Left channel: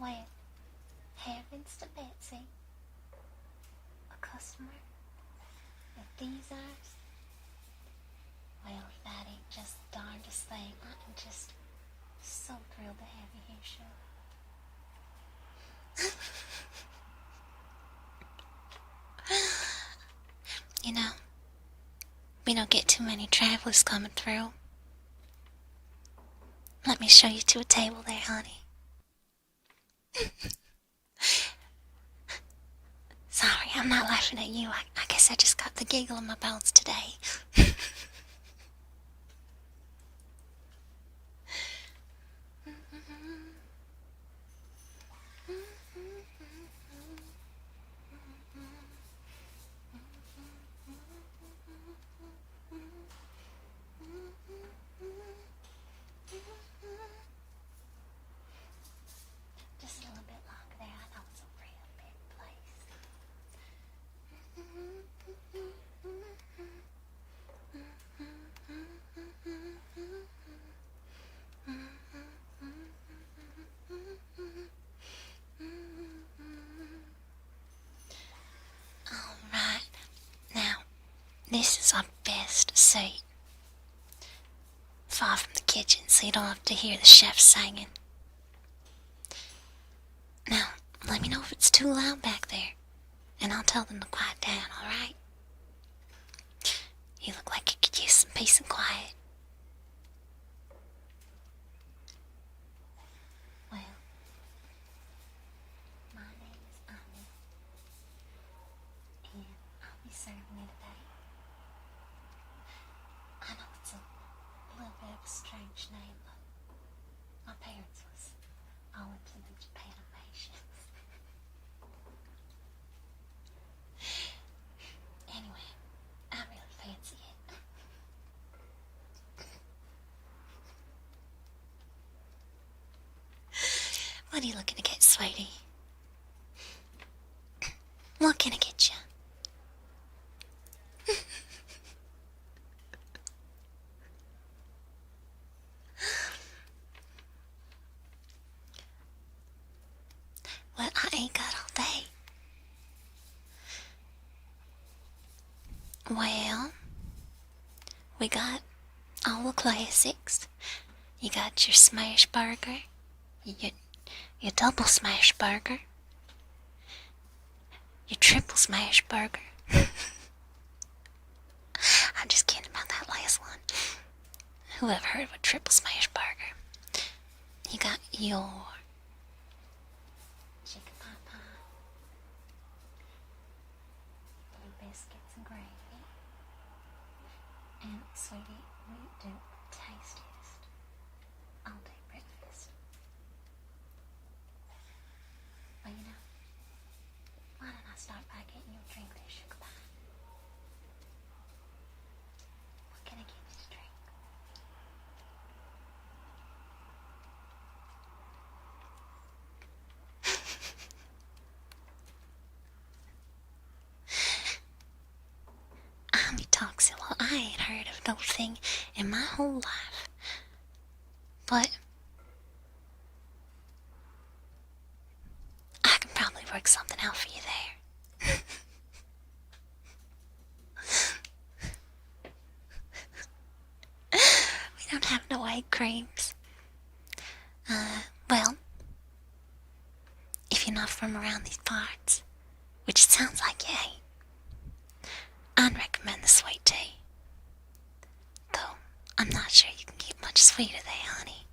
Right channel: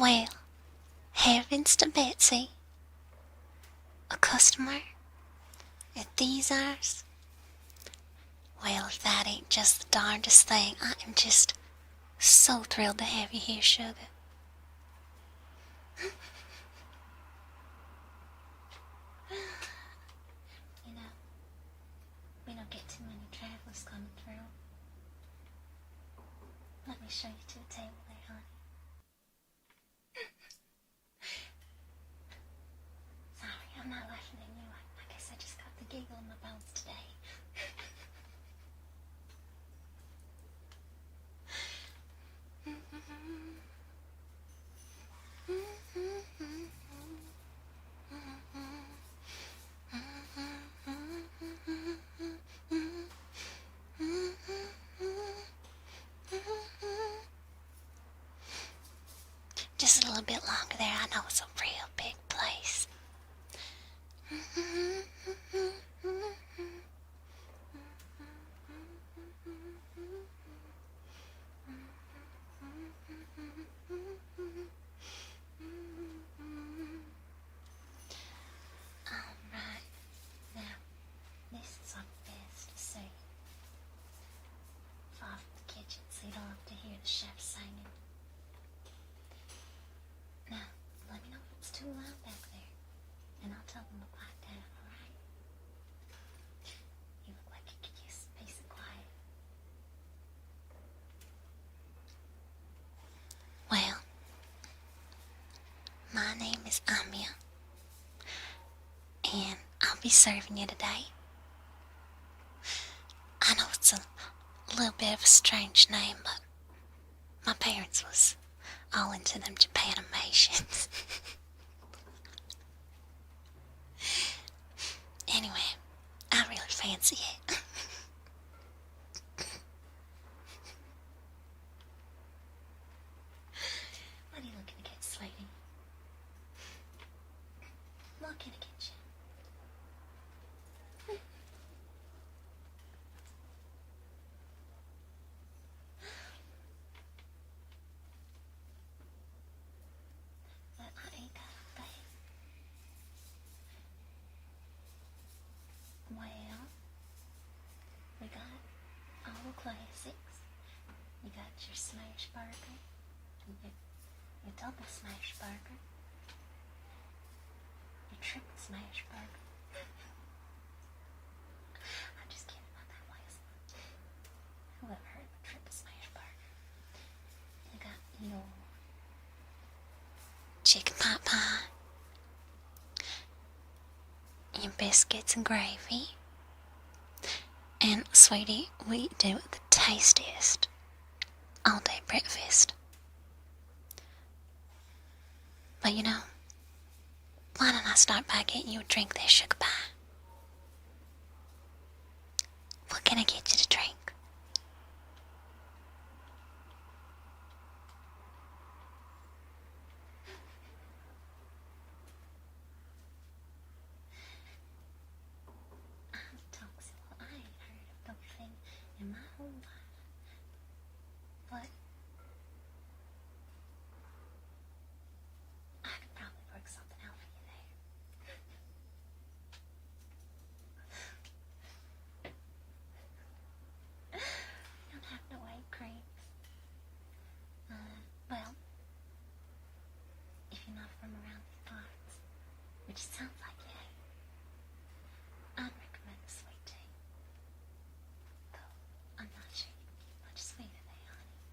Well, heavens to Betsy. A customer at these hours? Well, if that ain't just the darndest thing, I am just so thrilled to have you here, sugar. You know, we don't get too many travelers coming through. Let me show you to a table there, honey. Sorry, I'm not laughing at you. I guess I just got the giggle in my bones today. Just a little bit longer there. I know it's a real big place. Alright, now, this is our best seat. Far from the kitchen, so you don't have to hear the chef singing. Now, let me know if it's too loud back there, and I'll tell them to quiet down, alright? You look like you could use some peace and quiet. Well, my name is Amiya, and I'll be serving you today. I know it's a little bit of a strange name, but my parents was all into them Japanimations. Anyway, I really fancy it. What are you looking to get, sweetie? What can I get you? Well, I ain't got all day. Well, we got all the classics. You got your smash burger, your double smash burger, your triple smash burger. I'm just kidding about that last one. Whoever heard of a triple smash burger? You got your chicken pot pie, your biscuits and gravy, and sweetie, we do the tastiest all-day breakfast. But you know, why don't I start by getting you a drink there, sugar pie? What can I get you to drink? Well, I ain't heard of no thing in my whole life. But I can probably work something out for you there. We don't have no egg creams. Well, if you're not from around these parts, which it sounds like you ain't, I'd recommend the sweet tea. Though, I'm not sure you can get much sweeter there, honey.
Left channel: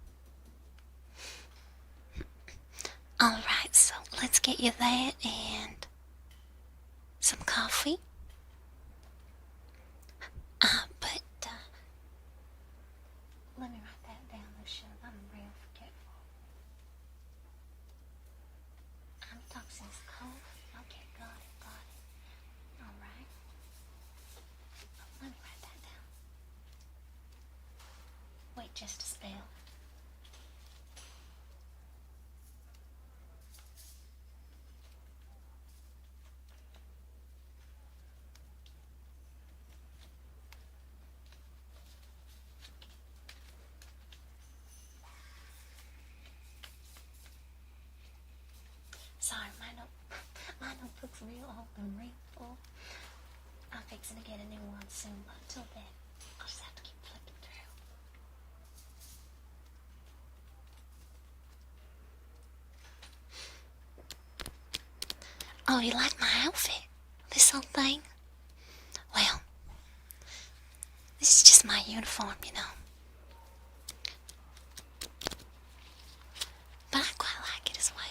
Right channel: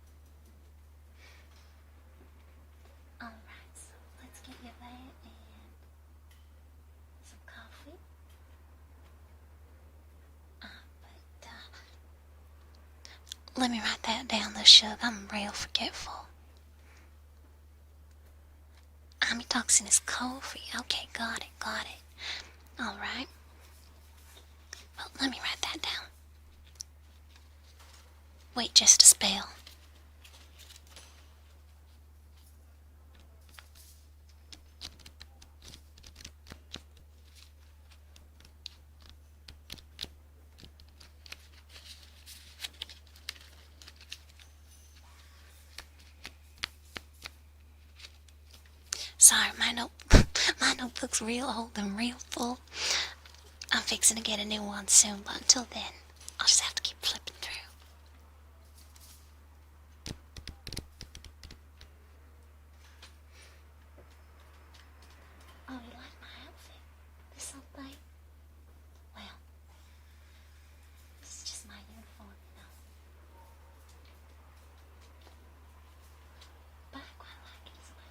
Alright, so let's get you that and some coffee. But let me write that down, though, sugar. I'm real forgetful. Amitoxin is coffee. Okay, got it. Alright. Well, let me write that down. Wait just a spell. Sorry, my notebook's real old and real full. I'm fixing to get a new one soon, but until then, I'll just have to keep flipping through. Oh, you like my outfit? This whole thing? Well, this is just my uniform, you know. But I quite like it as well.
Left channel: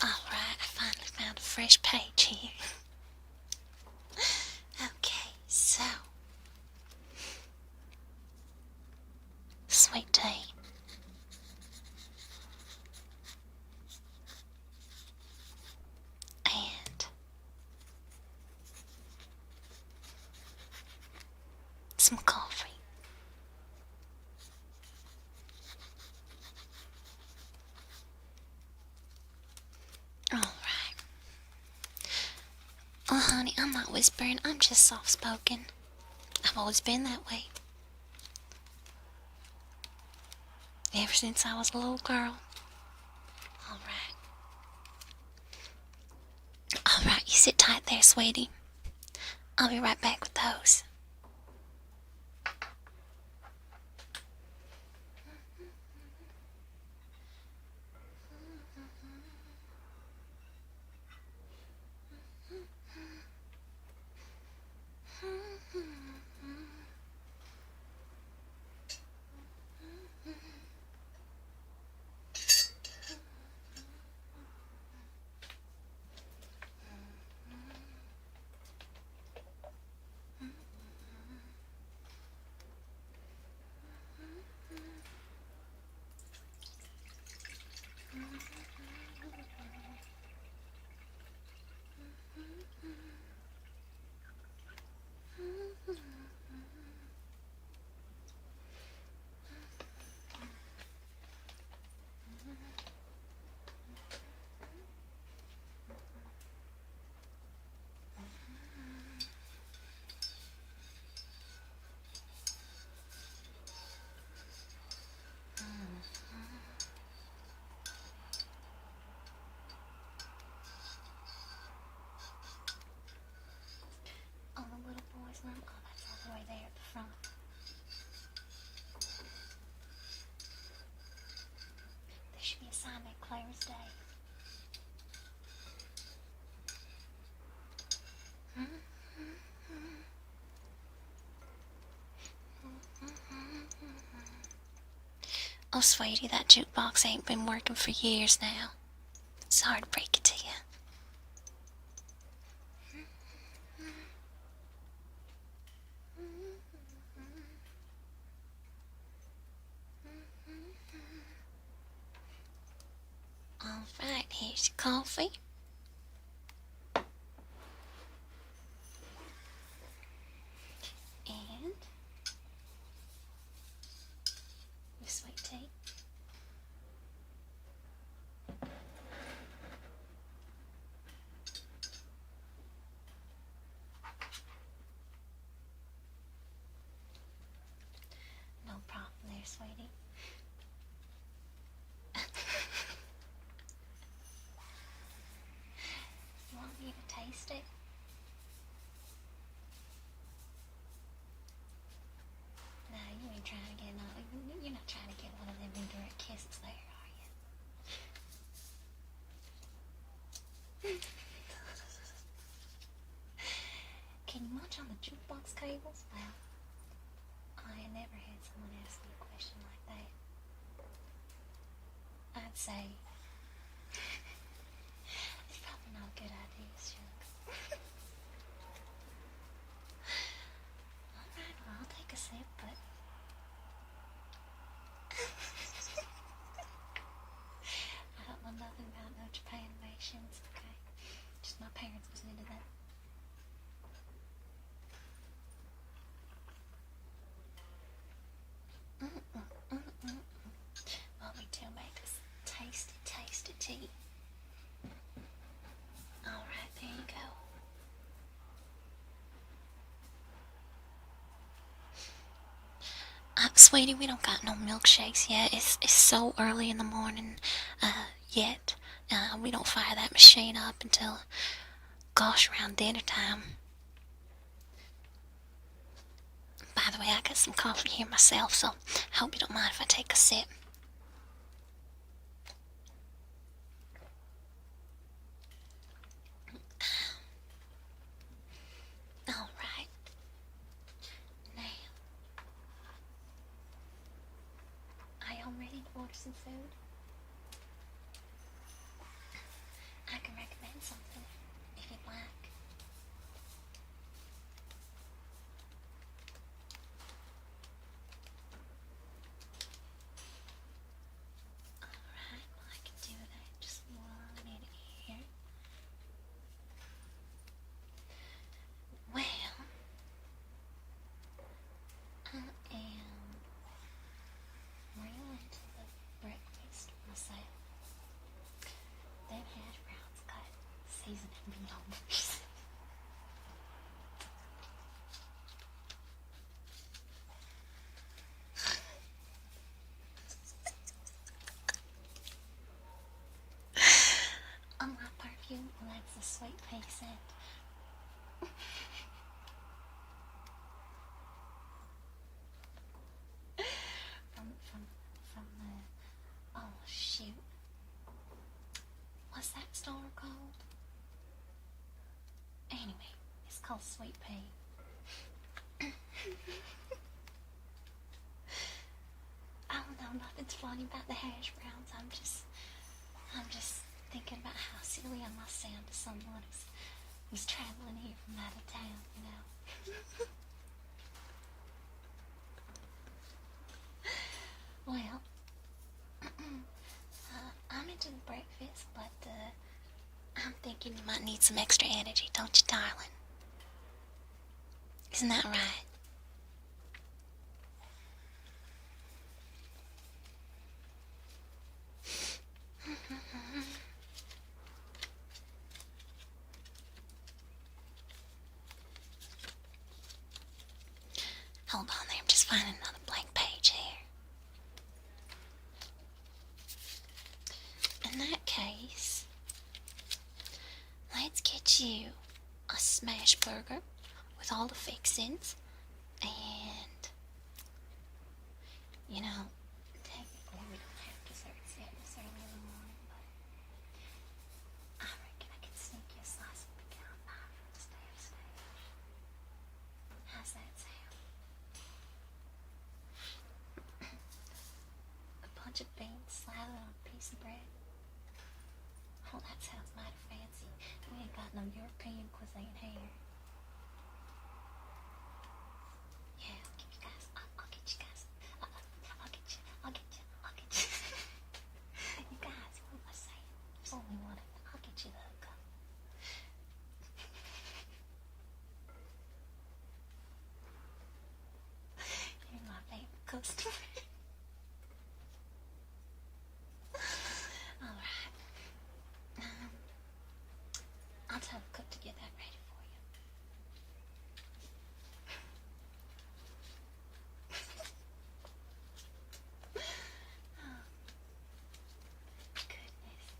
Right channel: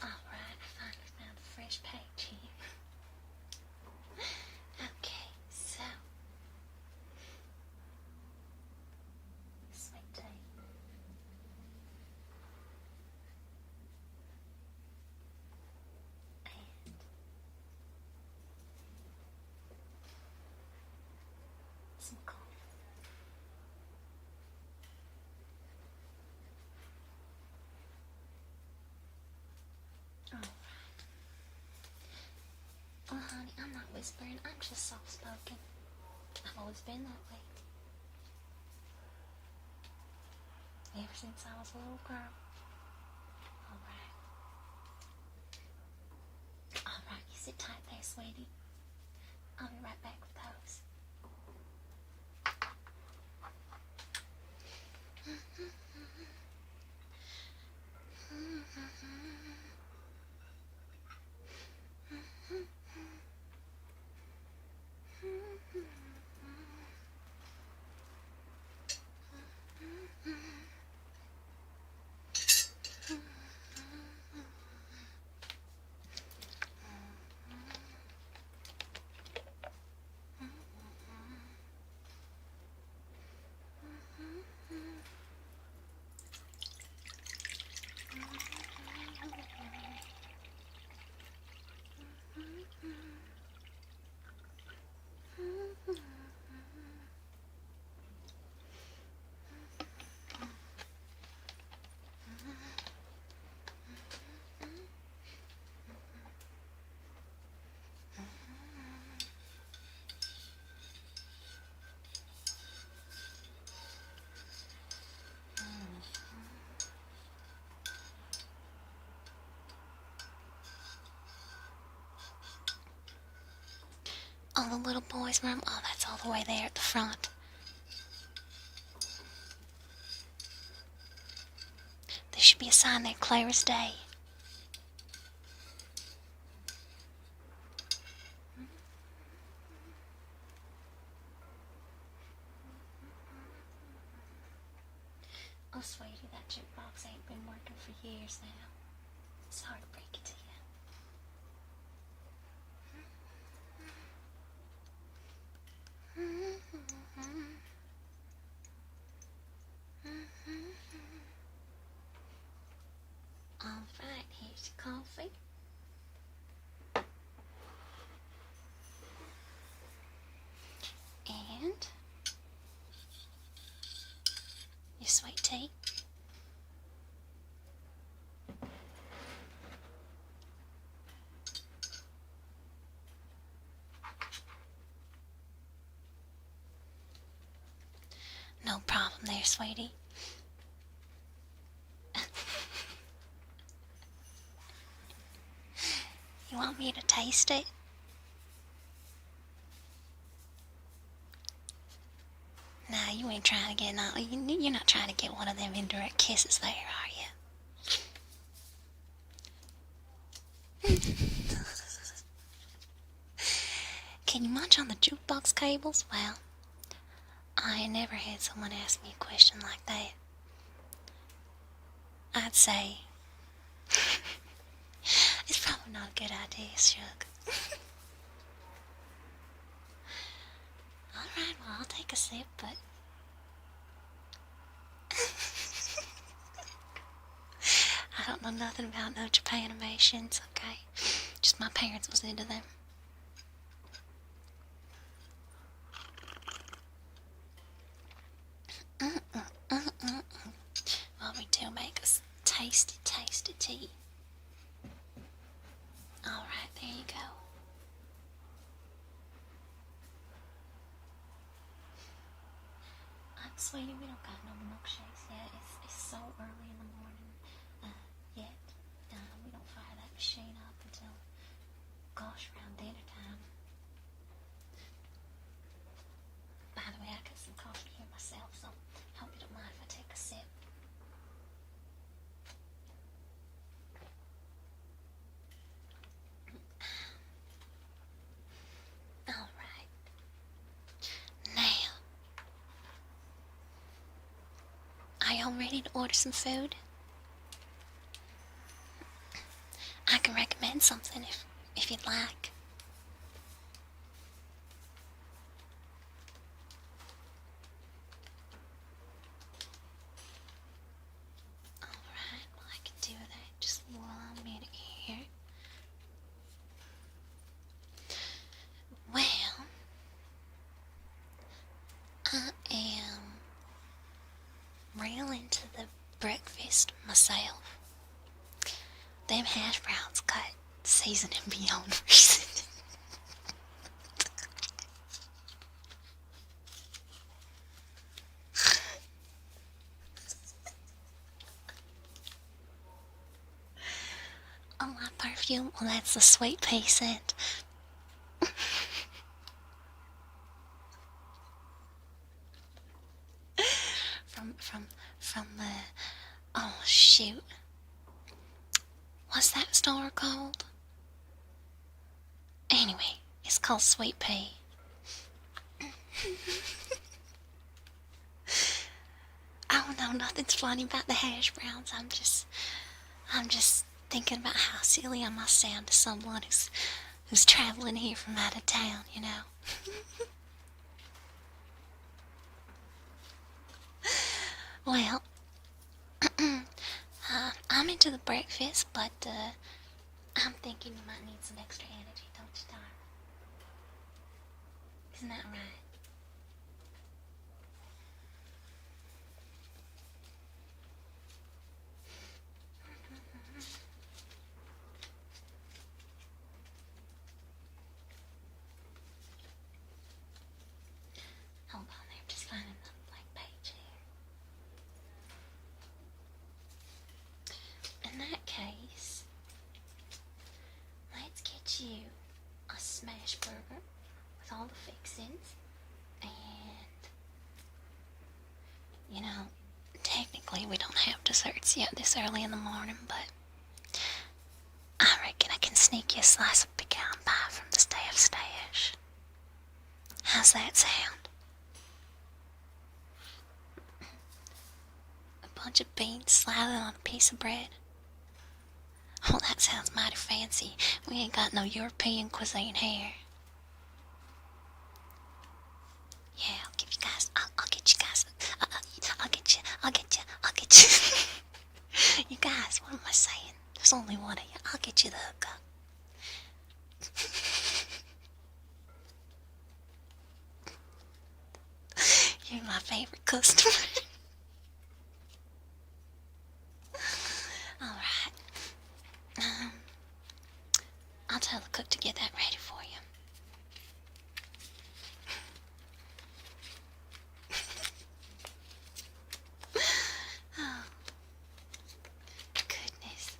Alright, I finally found a fresh page here. Okay, so. Sweet tea. And some coffee. Alright. Oh, honey, I'm not whispering. I'm just soft-spoken. I've always been that way. Ever since I was a little girl. Alright. Alright, you sit tight there, sweetie. I'll be right back with those. Oh, the little boy's room? Oh, that's all the way there at the front. There should be a sign there clear as day. Oh, sweetie, that jukebox ain't been working for years now. Sorry to break it to you. Alright, here's your coffee. And your sweet tea. No problem there, sweetie. You want me to taste it? Nah, you ain't trying to get you're not trying to get one of them indirect kisses there, are you? Can you munch on the jukebox cables? Well, I ain't never had someone ask me a question like that. I'd say it's probably not a good idea, Shug. Alright, well, I'll take a sip, but I don't know nothing about no Japanimations, okay? Just my parents was into them. Well, we do make us tasty, tasty tea. Alright, there you go. Sweetie, we don't got no milkshakes yet. It's so early in the morning yet. We don't fire that machine up until, gosh, around dinner time. By the way, I got some coffee here myself, so I hope you don't mind if I take a sip. Alright. Now, are y'all ready to order some food? I can recommend something if you'd like. Alright, well I can do that. Just 1 minute here. Well, I am real into the breakfast myself. Them hash browns got seasoning beyond reason. Oh, my perfume? Well, that's the sweet pea scent. from the, oh shoot, what's that store called? Anyway, it's called Sweet Pea. Oh no, nothing's funny about the hash browns. I'm just thinking about how silly I must sound to someone who's traveling here from out of town, you know. Well, I'm into the breakfast, but I'm thinking you might need some extra energy, don't you, darling? Isn't that right? Hold on there, I'm just finding another blank page here. In that case, let's get you a smash burger with all the fixings, and, you know, technically we don't have desserts yet this early in the morning, but I reckon I can sneak you a slice of pecan pie from the staff stash. How's that sound? A bunch of beans slathered on a piece of bread. Oh, that sounds mighty fancy. We ain't got no European cuisine here. Yeah, I'll give you guys, I'll get you guys, I'll get you. You guys, what am I saying? There's only one of you. I'll get you the hookup. You're my favorite customer. Alright. I'll tell the cook to get that ready for you. Oh, goodness.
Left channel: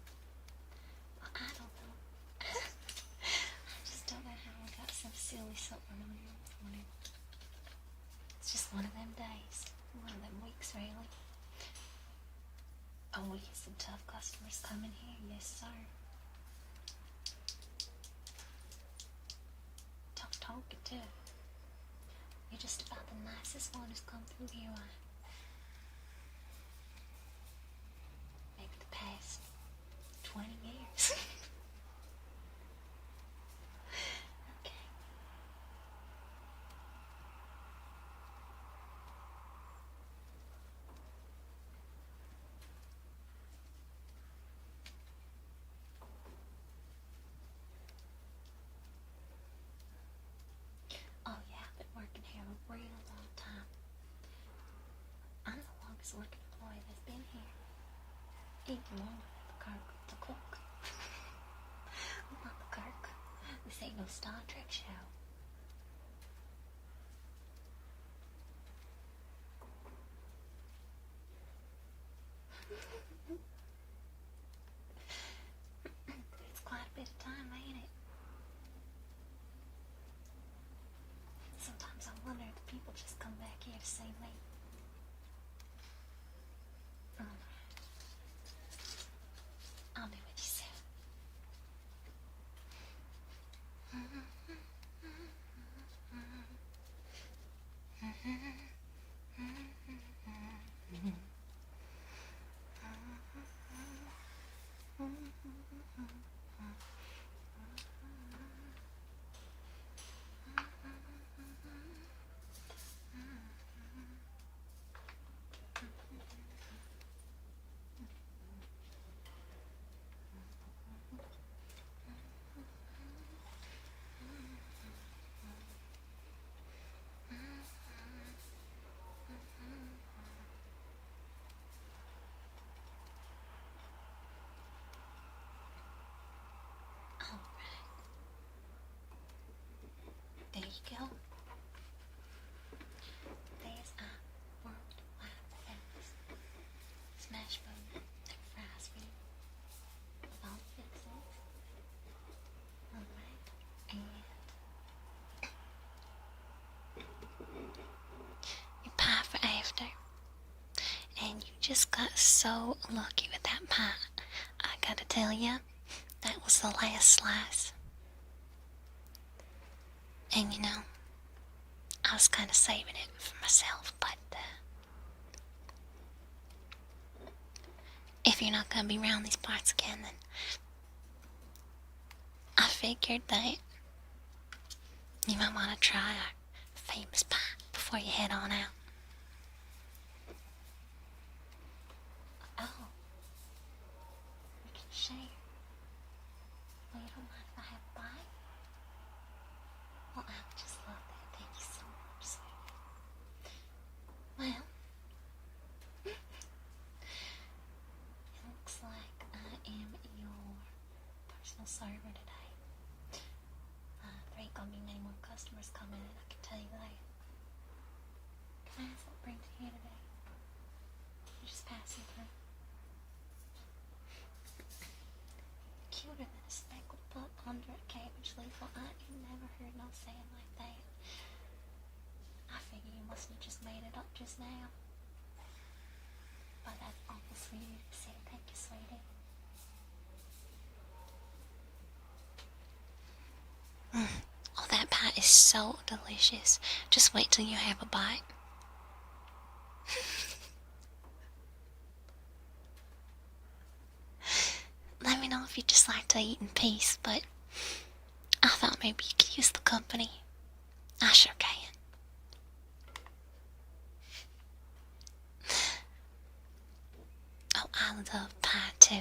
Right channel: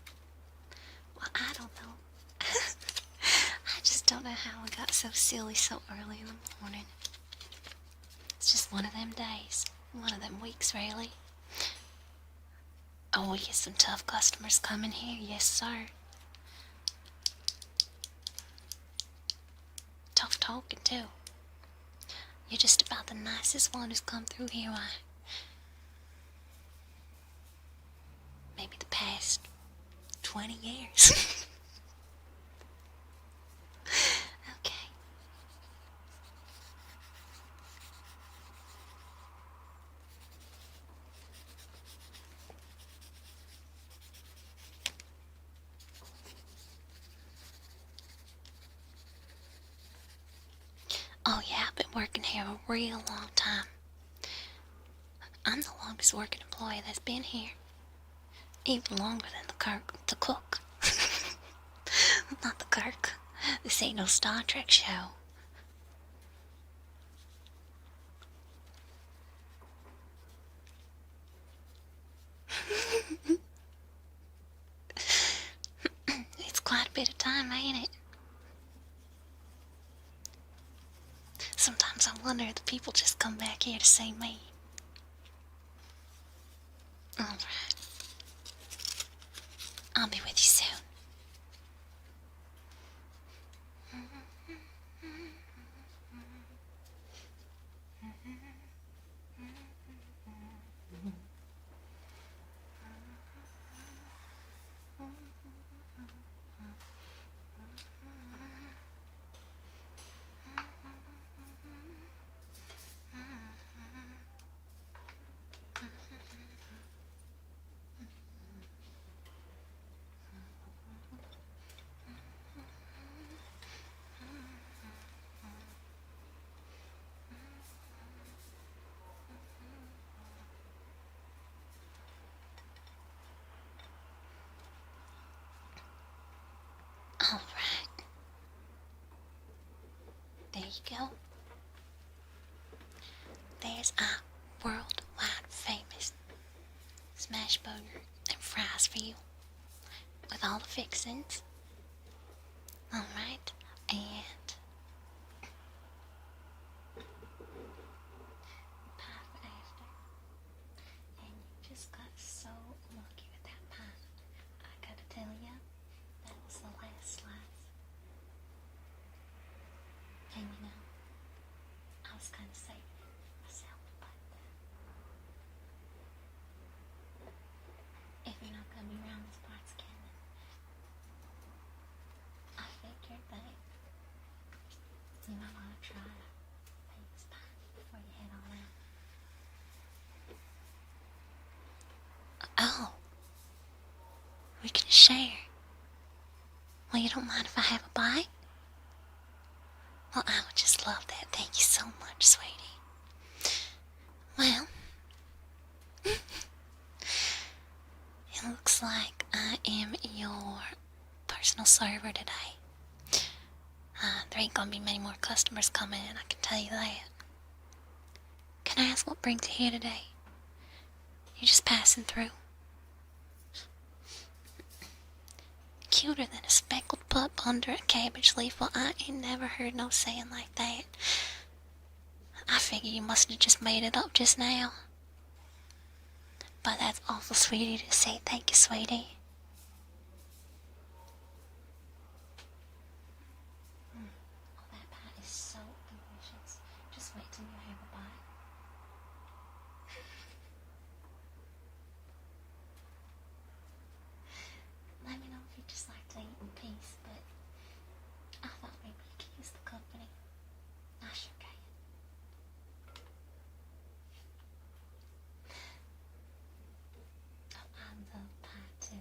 Well, I don't know. I just don't know how I got so silly so early in the morning. It's just one of them days. One of them weeks, really. Oh, we get some tough customers coming here. Yes, sir. Tough talking, too. You're just about the nicest one who's come through here, maybe the past 20 years. Okay. Oh yeah, I've been working here a real long time. I'm the longest working employee that's been here. Even longer than the cook. Not the Kirk. This ain't no Star Trek show. bit of time, ain't it? Sometimes I wonder if the people just come back here to see me. Alright. I'll be with you soon. Alright. There you go. There's a worldwide famous smash burger and fries for you. With all the fixings. Alright. And your pie for after. And you just got so lucky with that pie. I gotta tell you, that was the last slice. And you know, I was kind of saving it for myself, but if you're not gonna be around these parts again, then I figured that you might want to try our famous pie before you head on out. Oh, we can share. Well, you don't mind if I have a bite? Well, I would just love that. Thank you so much, sweetie. Well, it looks like I am your personal server today. There ain't gonna be many more customers coming in, I can tell you that. Can I ask what brings you here today? You're just passing through. Cuter than a speckled pup under a cabbage leaf. Well, I ain't never heard no saying like that. I figure you must have just made it up just now. But that's awful sweet of you to say. Thank you, sweetie. Oh, that pie is so delicious. Just wait till you have a bite. Let me know if you just like to eat in peace, but I thought maybe you could use the company. I sure can. Oh, I love pie too.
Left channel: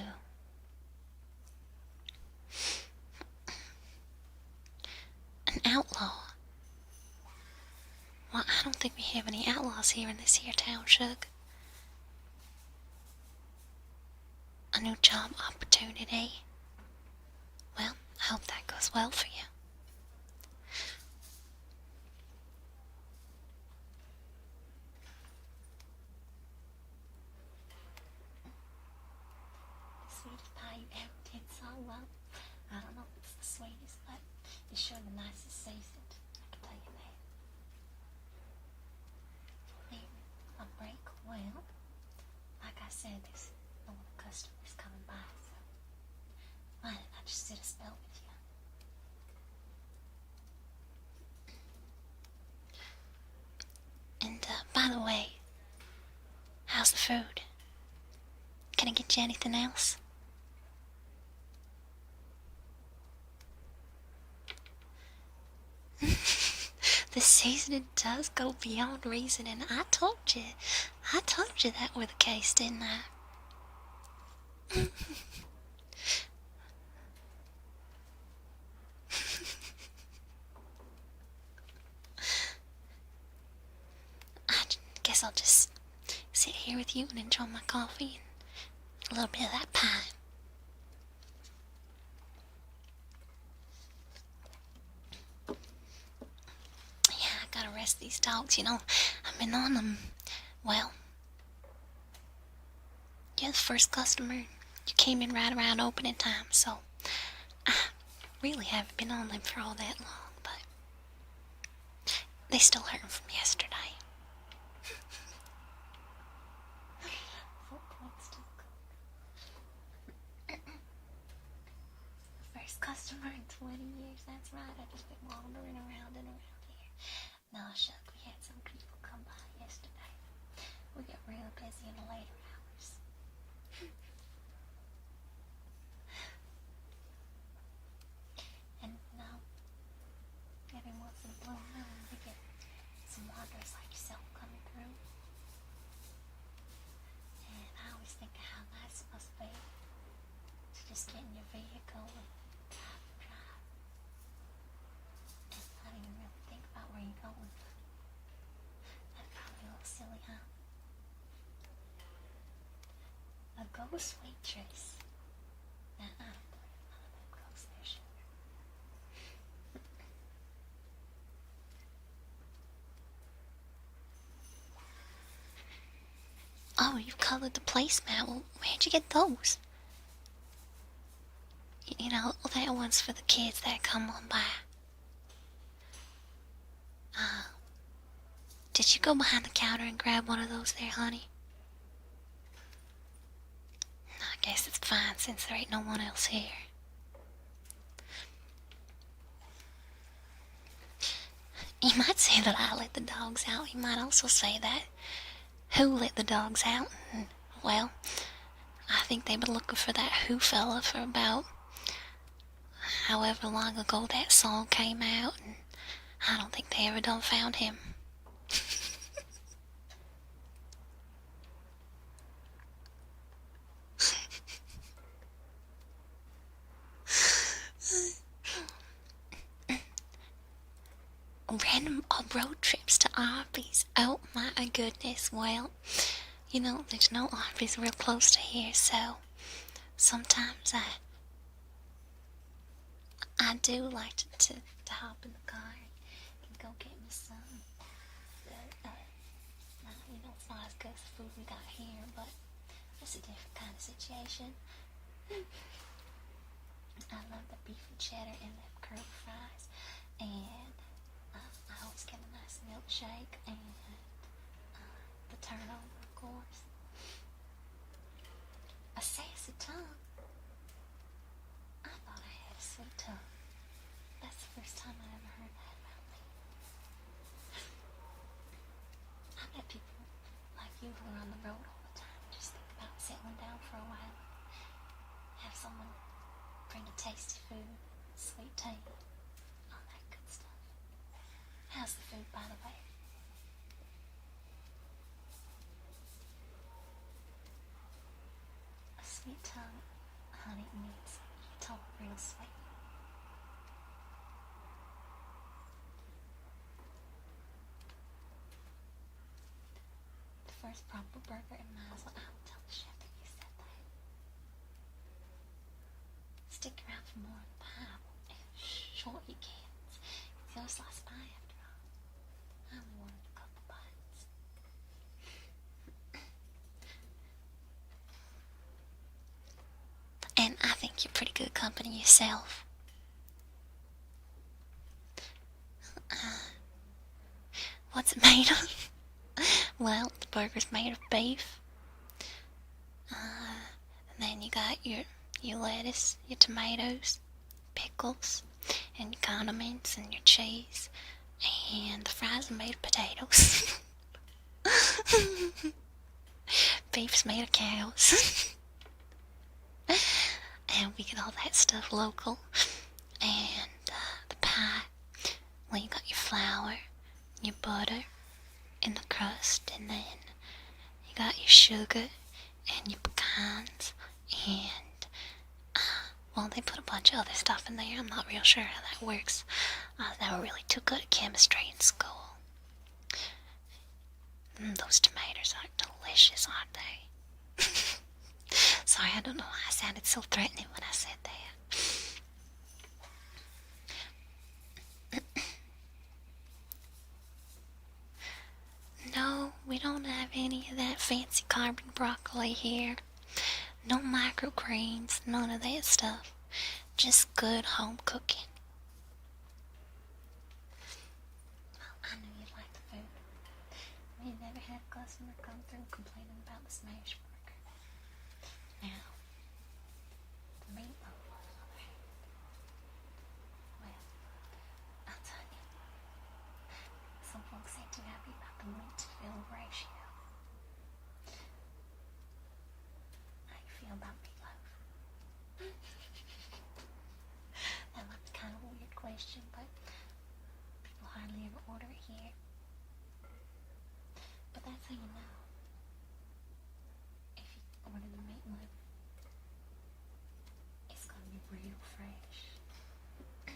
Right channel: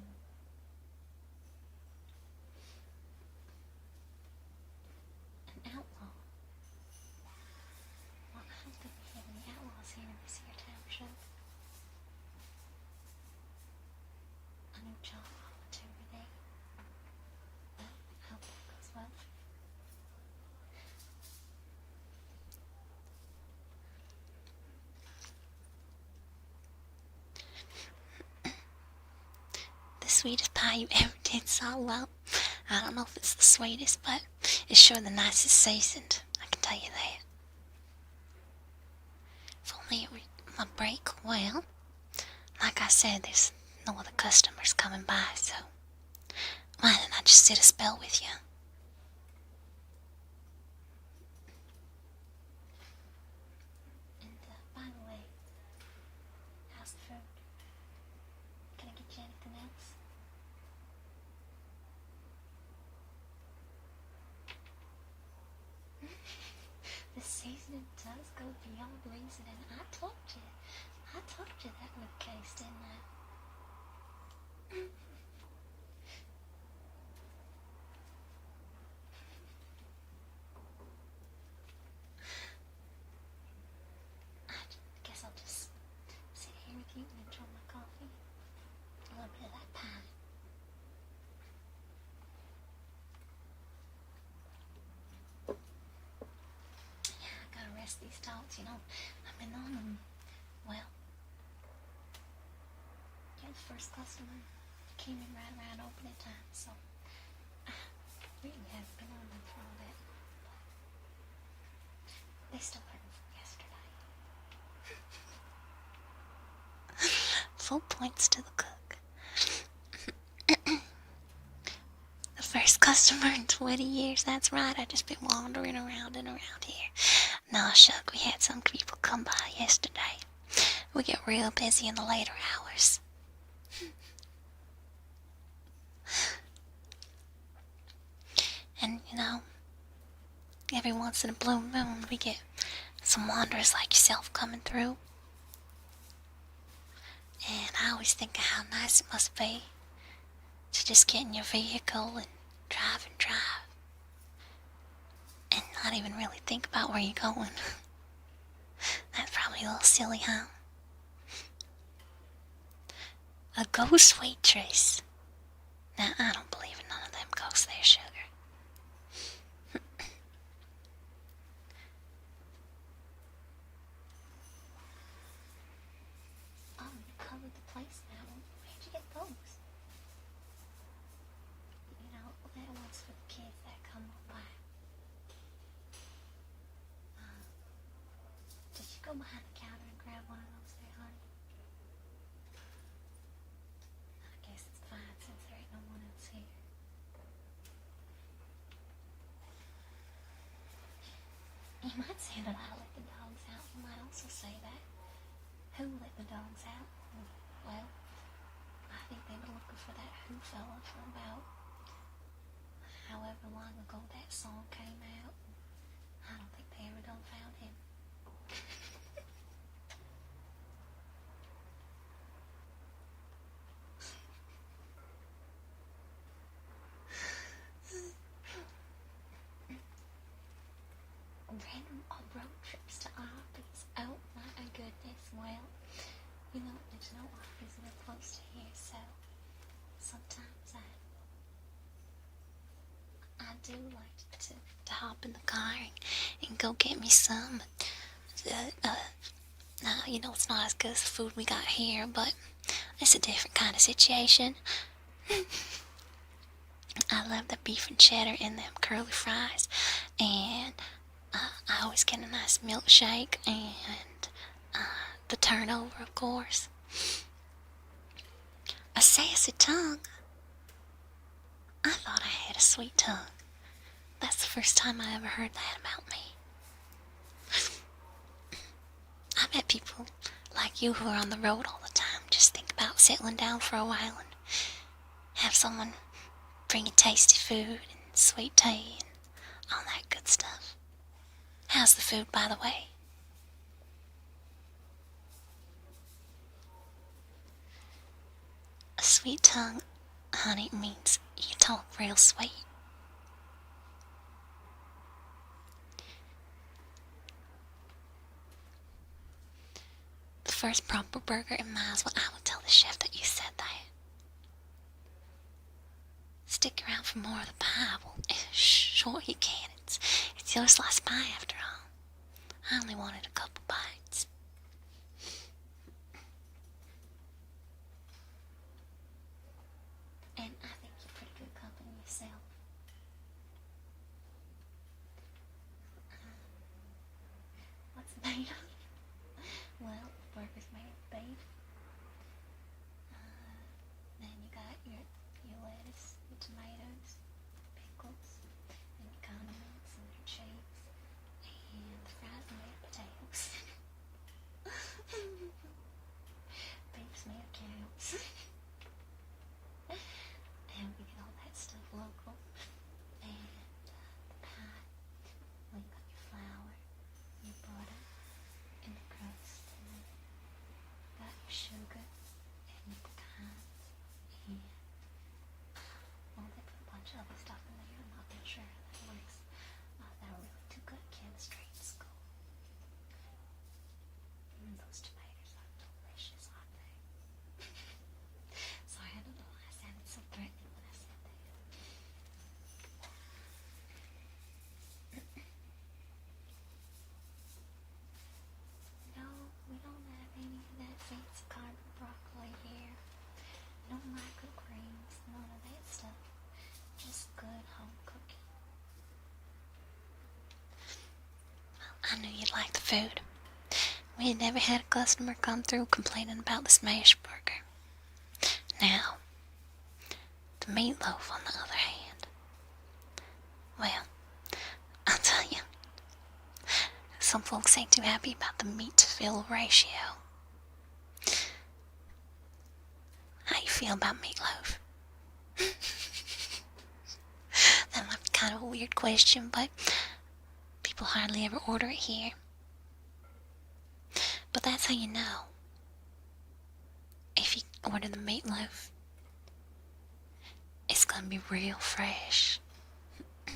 An outlaw? Well, I don't think we have any outlaws here in this here town, Shug. A new job opportunity. Well, I hope that goes well for you. The sweetest pie you ever did, so well. I don't know if it's the sweetest, but it's sure the nicest seasoned. I can tell you that. If only it were my break, well, like I said, there's no other customers coming by, so why didn't I just sit a spell with you? And, by the way, how's the food? Can I get you anything else? The seasoning does go beyond reason, and I told you that were the case, didn't I? I guess I'll just sit here with you and enjoy my coffee and a little bit of that pie. Yeah, I gotta rest these dogs, you know. I've been on them. Well, you're the first customer. You came in right around opening time, so really haven't been on them for all that long, but they still hurt from yesterday. Full points to the cook. The first customer in 20 years, that's right, I just been wandering around and around here. Nah, shuck, we had some people come by yesterday. We get real busy in the later hours. And, every once in a blue moon, we get some wanderers like yourself coming through. And I always think of how nice it must be to just get in your vehicle and drive, and not even really think about where you're going. That's probably a little silly, huh? A ghost waitress. Now, I don't believe in none of them ghosts there, sugar. Oh, you've colored the placemat. Well, where'd you get those? That one's for the kids that come on by. Did you go behind the counter and grab one of those there, honey? I guess it's fine since there ain't no one else here. You might say that I let the dogs out. You might also say that who let the dogs out. Well, I think they've been looking for that Who fella for about however long ago that song came out, and I don't think they ever done found him. Random road trips to Arby's. Oh my goodness. Well, there's no Arby's real close to here, so sometimes I do like to hop in the car and go get me some. It's not as good as the food we got here, but it's a different kind of situation. I love the beef and cheddar in them curly fries, and I always get a nice milkshake and the turnover, of course. A sassy tongue? I thought I had a sweet tongue. That's the first time I ever heard that about me. I bet people like you who are on the road all the time just think about settling down for a while and have someone bring you tasty food and sweet tea and all that good stuff. How's the food, by the way? A sweet tongue, honey, means you talk real sweet. The first proper burger in miles, well, I will tell the chef that you said that. Stick around for more of the pie. Well, sure you can. It's your sliced pie after all. I only wanted a couple bites. And I think you're pretty good company yourself. What's it made of? Well, the burger's made of beef. And then you got your lettuce, your tomatoes, pickles, and your condiments and your cheese. And the fries are made of potatoes. Beef's made of cows. And we get all that stuff local. And the pie, well, you got your flour, your butter, and the crust, and then you got your sugar and your pecans, and well, they put a bunch of other stuff in there. I'm not real sure how that works. They were really too good at chemistry in school. Those tomatoes are delicious, aren't they? Sorry, I don't know why I sounded so threatening when I said that. No, we don't have any of that fancy carbon broccoli here. No microgreens, none of that stuff. Just good home cooking. Well, I knew you'd like the food. We had never had a customer come through complaining about the smash burger. Now, the meatloaf on the other hand. Well, I'll tell you, some folks ain't too happy about the meat to fill ratio. How you feel about meatloaf? That might be kind of a weird question, but people hardly ever order it here. But that's how you know. If you order the meatloaf, it's gonna be real fresh. It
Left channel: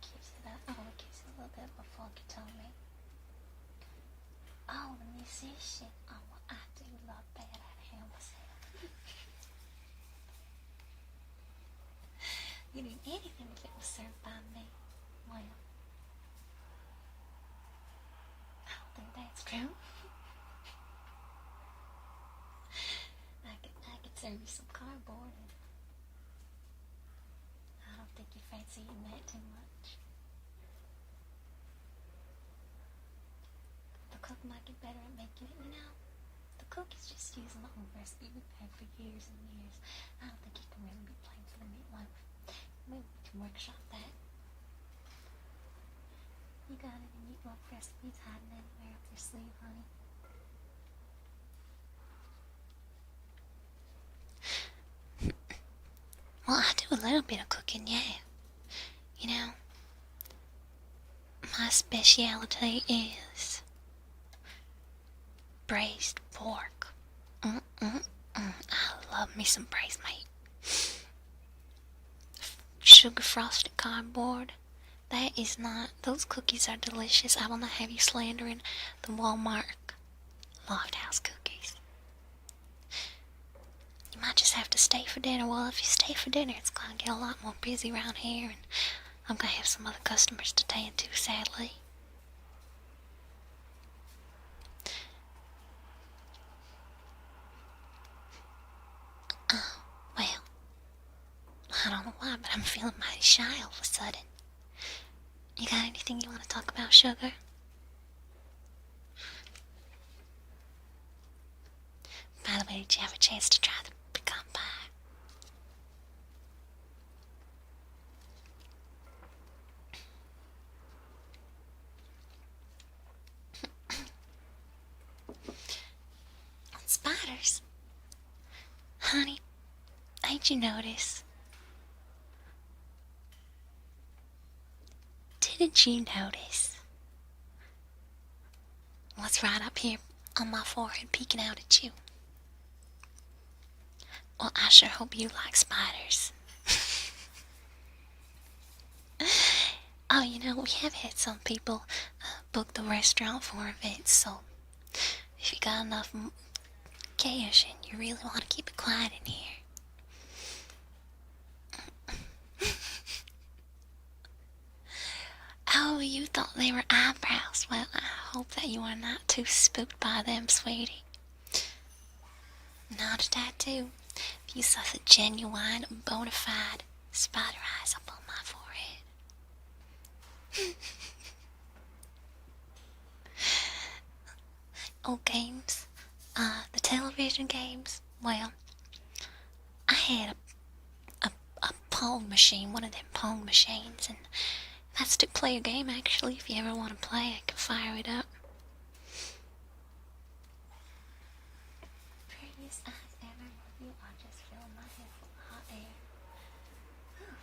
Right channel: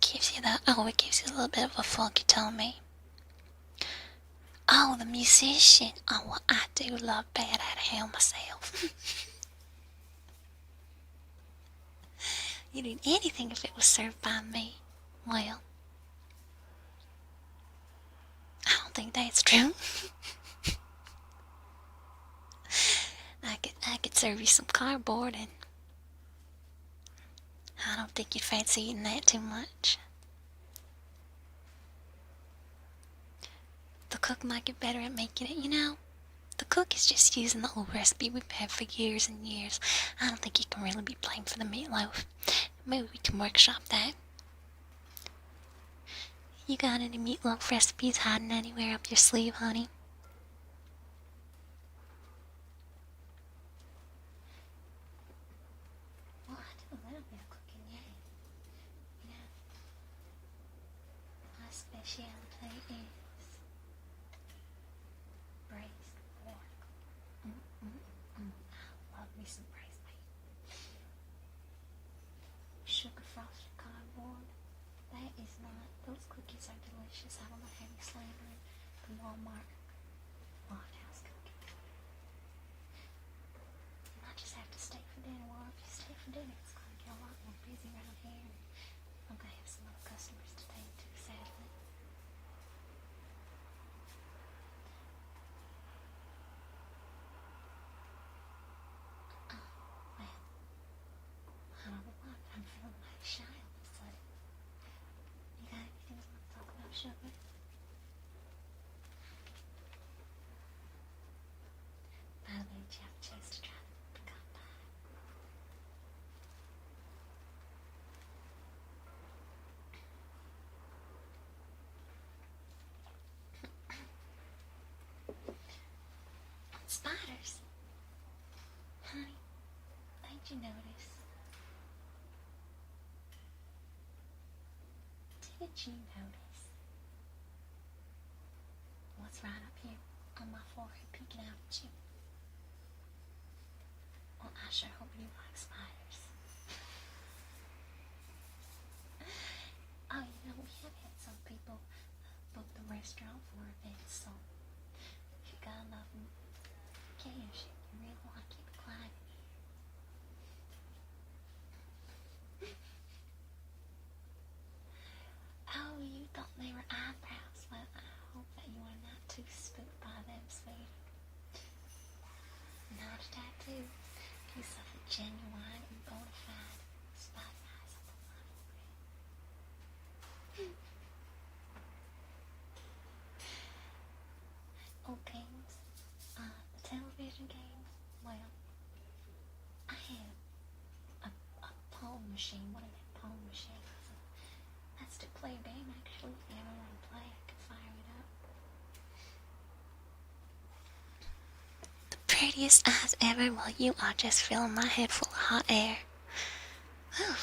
gives you a little bit of a funky tummy. Oh, the musician. Oh, well, I do love Bad Out of Hell myself. You'd eat anything if it was served by me. Well, I don't think that's true. I could serve you some cardboard, and I don't think you'd fancy eating that too much. The cook might get better at making it, you know. The cook is just using the old recipe we've had for years and years. I don't think he can really be blamed for the meatloaf. Maybe we can workshop that. You got any meatloaf recipes hiding anywhere up your sleeve, honey? Well, I do a little bit of cooking, yeah. You know, my specialty is braised pork. I love me some braised meat. Sugar frosted cardboard. That is not. Those cookies are delicious. I will not have you slandering the Walmart Loft House cookies. You might just have to stay for dinner. Well, if you stay for dinner, it's gonna get a lot more busy around here, and I'm gonna have some other customers to tend to, sadly. Oh, well, I don't know why, but I'm feeling mighty shy all of a sudden. You got anything you want to talk about, sugar? By the way, did you have a chance to try the pecan pie? Spiders? Honey, ain't you notice? Didn't you notice what's right up here on my forehead peeking out at you? Well, I sure hope you like spiders. Oh, you know, we have had some people book the restaurant for events, so if you got enough cash and you really want to keep it quiet in here. Oh, you thought they were eyebrows. Well, I hope that you are not too spooked by them, sweetie. Not a tattoo. If you saw the genuine, bona fide spider eyes up on my forehead. Old games. The television games. Well, I had a Pong machine, one of them Pong machines, and that's to play a game, actually. If you ever want to play, I can fire it up. The prettiest eyes ever. Well, you are just filling my head full of hot air. Whew.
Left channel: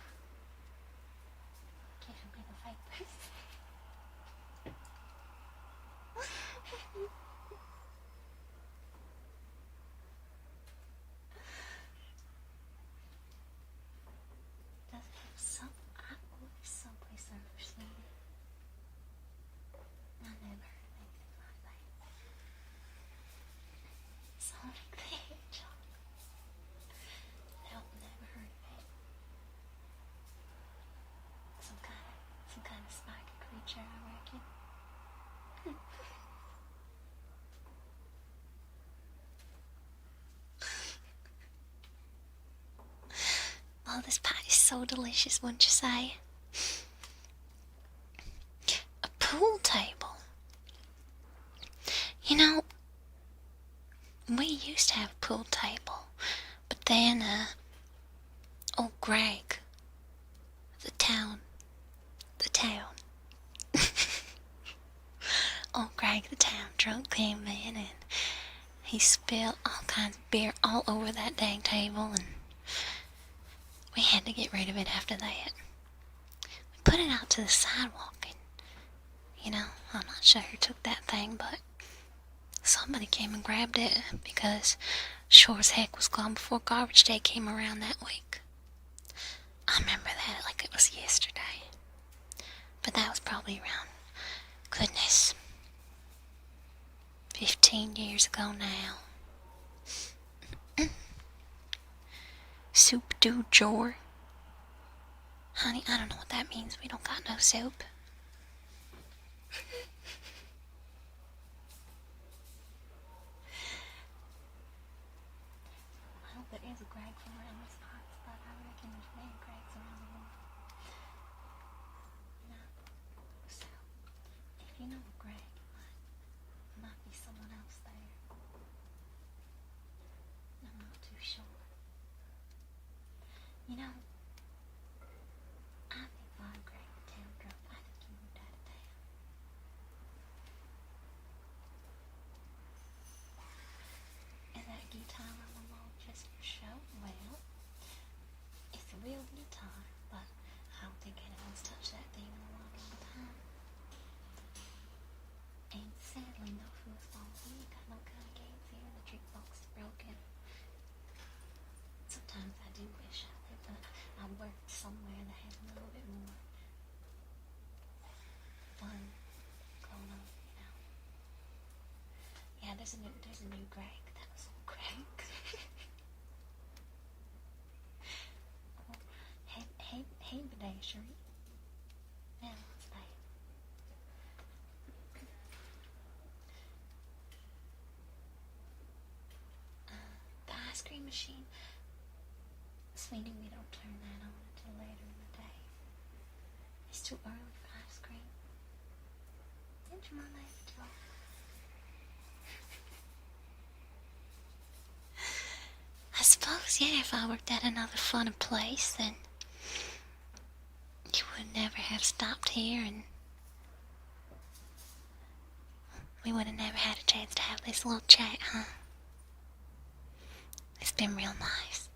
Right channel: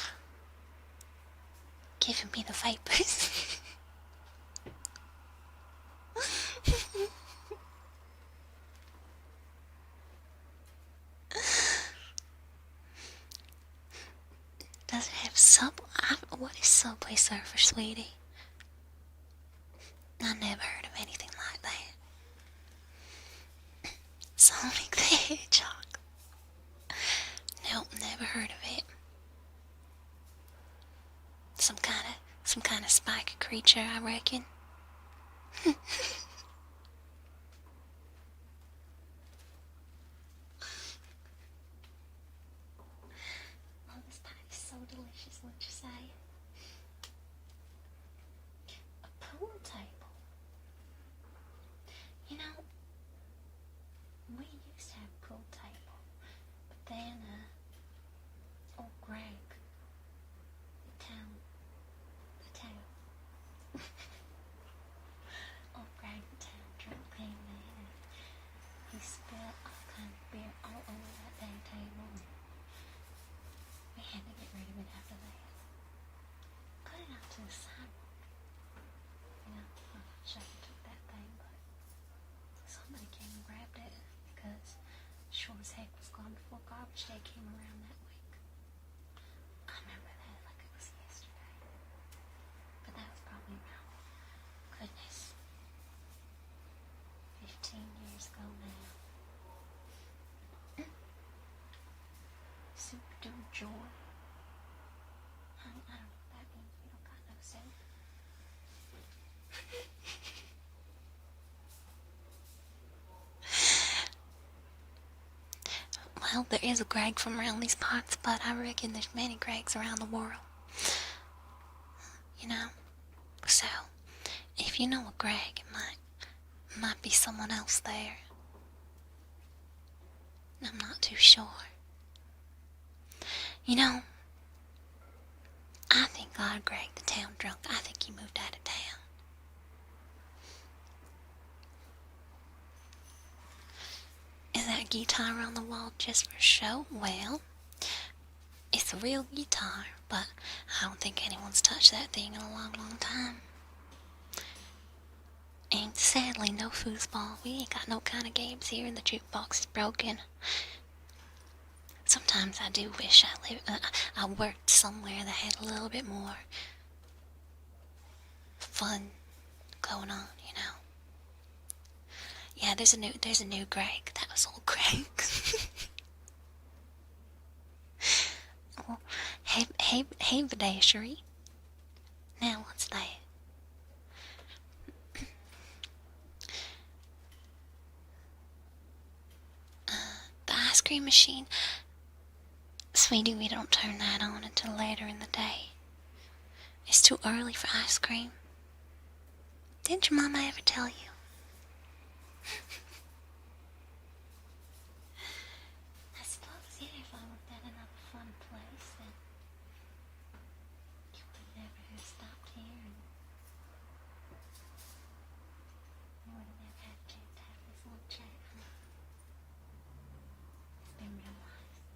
Giving me the vapors. Does it have what is Subway Surfer, sweetie? I never heard of anything like that. Sonic the Hedgehog. Nope, never heard of it. Some kind of spiky creature, I reckon. Well, this pie is so delicious, wouldn't you say? A pool table. You know, we used to have a pool table, but then, old Greg, the town, old Greg, the town drunk came in and he spilled all kinds of beer all over that dang table, and we had to get rid of it after that. We put it out to the sidewalk, and, I'm not sure who took that thing, but somebody came and grabbed it because sure as heck was gone before garbage day came around that week. I remember that like it was yesterday. But that was probably around, goodness, 15 years ago now. Soup du jour. Honey, I don't know what that means. We don't got no soup. Well, there is a Greg from around these parts, but I reckon there's many Gregs around the world. So, if you know a Greg, it might be someone else there. I'm not too sure. I think our Greg, the town drunk, I think he moved out of town. Is that guitar on the wall just for show? Well, it's a real guitar, but I don't think anyone's touched that thing in a long, long time. And sadly, no foosball. We ain't got no kind of games here, and the jukebox is broken. Sometimes I do wish I worked somewhere that had a little bit more fun going on, Yeah, there's a new Greg. That was old Greg. Oh, hey, Vidashery. Now what's that? The ice cream machine. Sweetie, we don't turn that on until later in the day. It's too early for ice cream. Didn't your mama ever tell you? I suppose, yeah, if I worked at another funner place, then you would never have stopped here, and we would have never had a chance to have this little chat, huh? It's been real nice.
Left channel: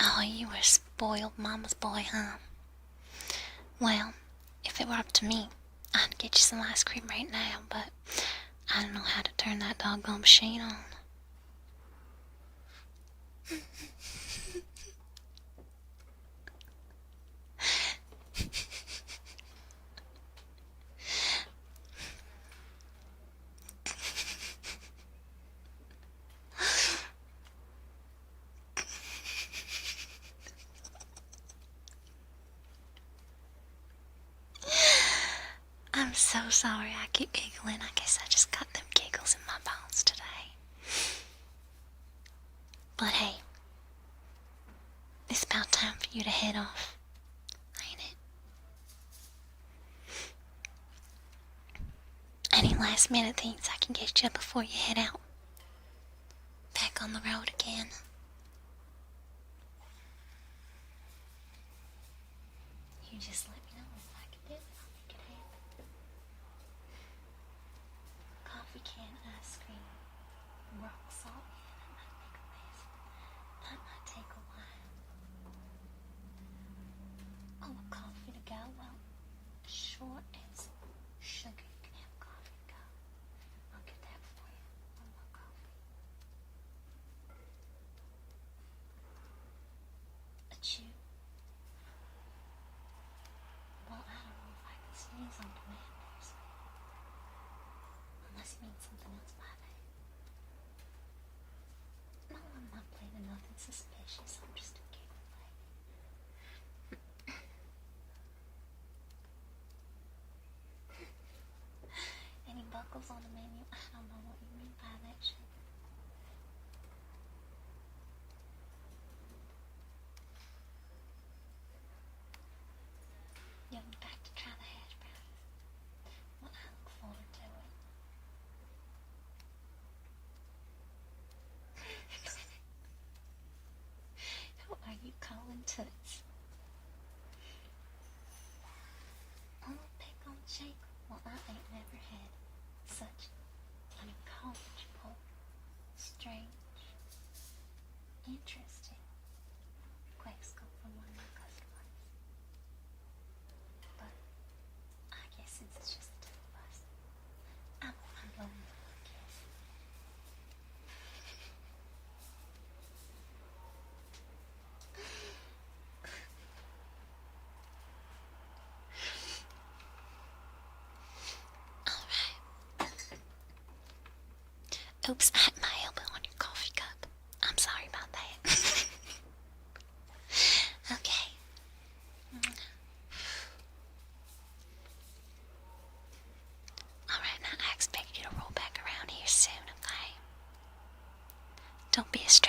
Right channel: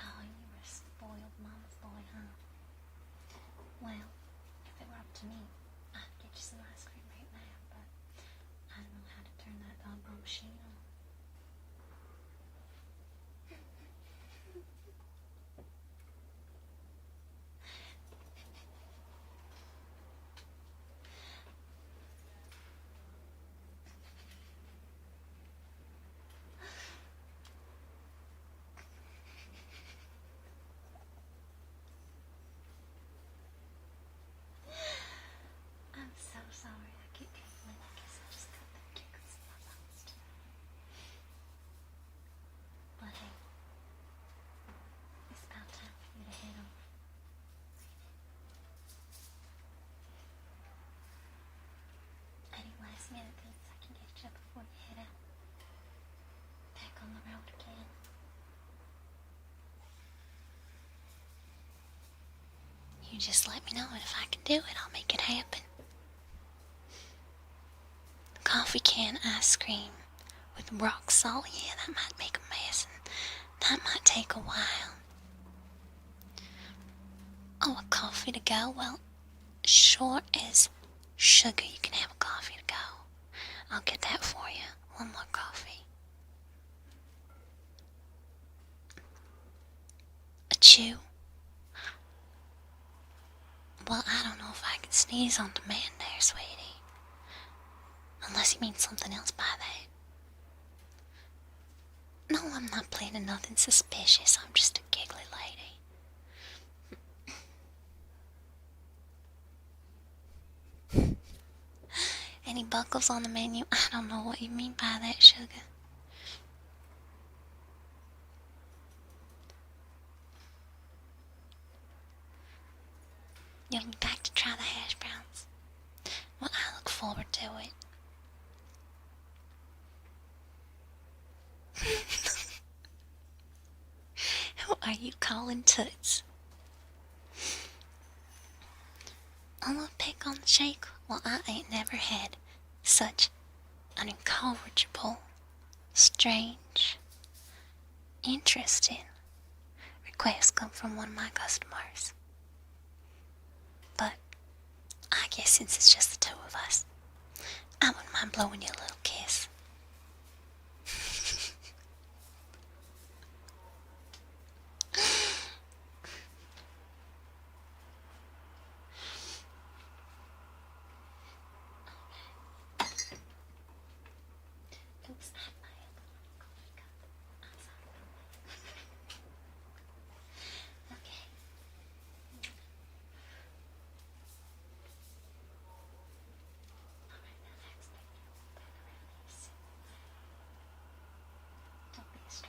Oh, you were a spoiled mama's boy, huh? Well, if it were up to me, I'd get you some ice cream right now, but I don't know how to turn that doggone machine on. I'm so sorry I keep giggling. I guess I just got them giggles in my bones today. But hey, it's about time for you to head off, ain't it? Any last minute things I can get you before you head out? Back on the road again. You just let me know, and if I can do it, I'll make it happen. Coffee can ice cream with rock salt, yeah, that might make a mess, and that might take a while. Oh, a coffee to go? Well, sure as sugar, you can have a coffee to go. I'll get that for you. One more coffee. A chew? Well, I don't know if I can sneeze on demand there, sweetie. Unless you mean something else by that. No, I'm not planning nothing suspicious. I'm just a giggly lady. Any buckles on the menu. I don't know what you mean by that, sugar. You'll be back to try the hash browns. Well, I look forward to it. Who are you calling Toots? I'm gonna pick on the shake. Well, I ain't never had such an incorrigible, strange, interesting request come from one of my customers. But I guess since it's just the two of us, I wouldn't mind blowing you a little kiss. Oops, I hit my elbow on your coffee cup. I'm sorry about that. Okay. Alright, now I expect you to roll back around here soon, okay? Don't be a stranger.